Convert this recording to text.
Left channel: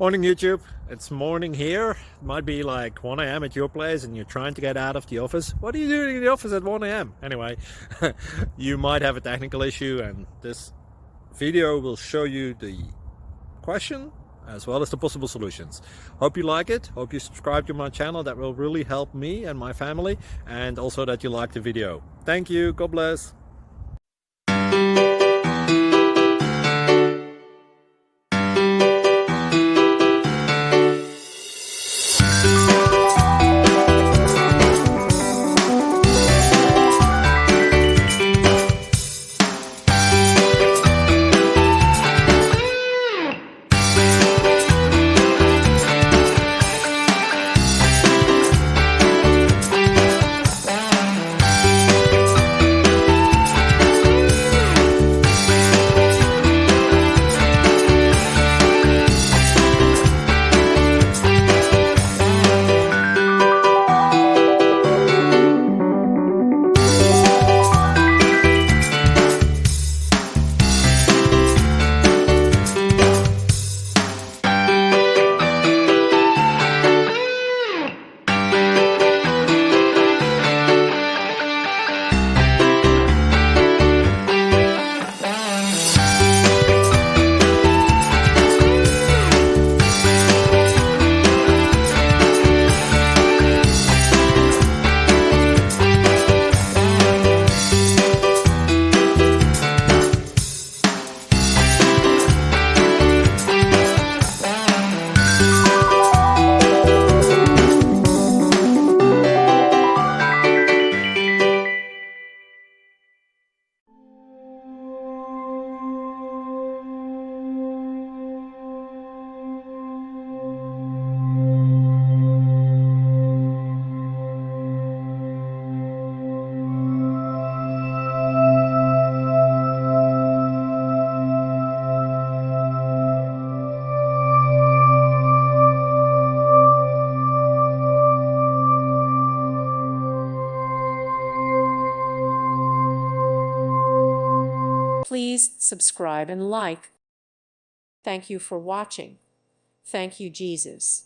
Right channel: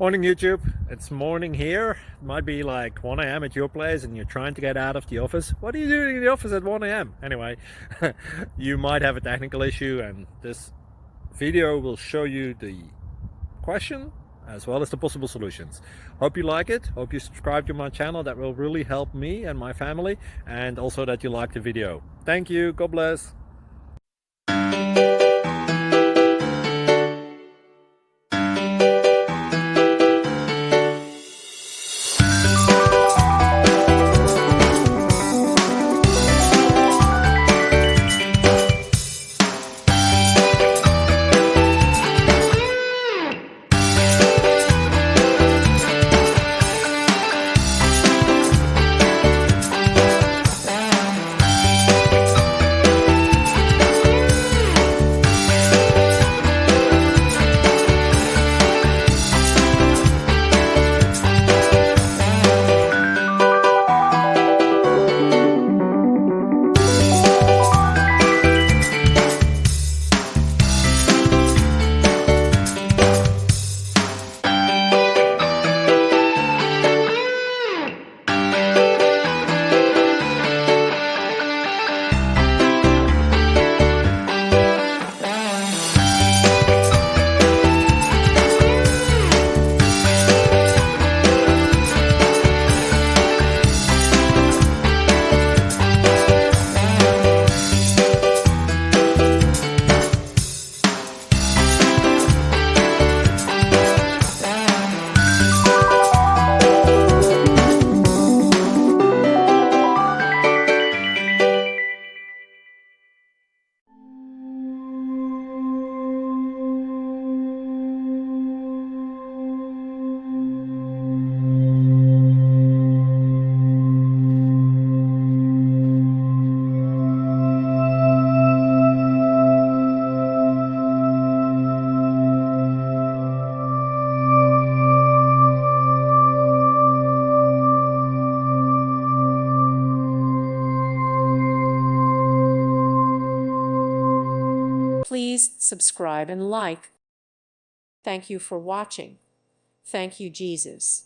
Morning YouTube, it's morning here. It might be like 1 a.m. at your place and you're trying to get out of the office. What are you doing in the office at 1 a.m.? Anyway, you might have a technical issue and this video will show you the question as well as the possible solutions. Hope you like it, hope you subscribe to my channel. That will really help me and my family, and also that you like the video. Thank you, God bless. Please subscribe and like. Thank you for watching. Thank you, Jesus.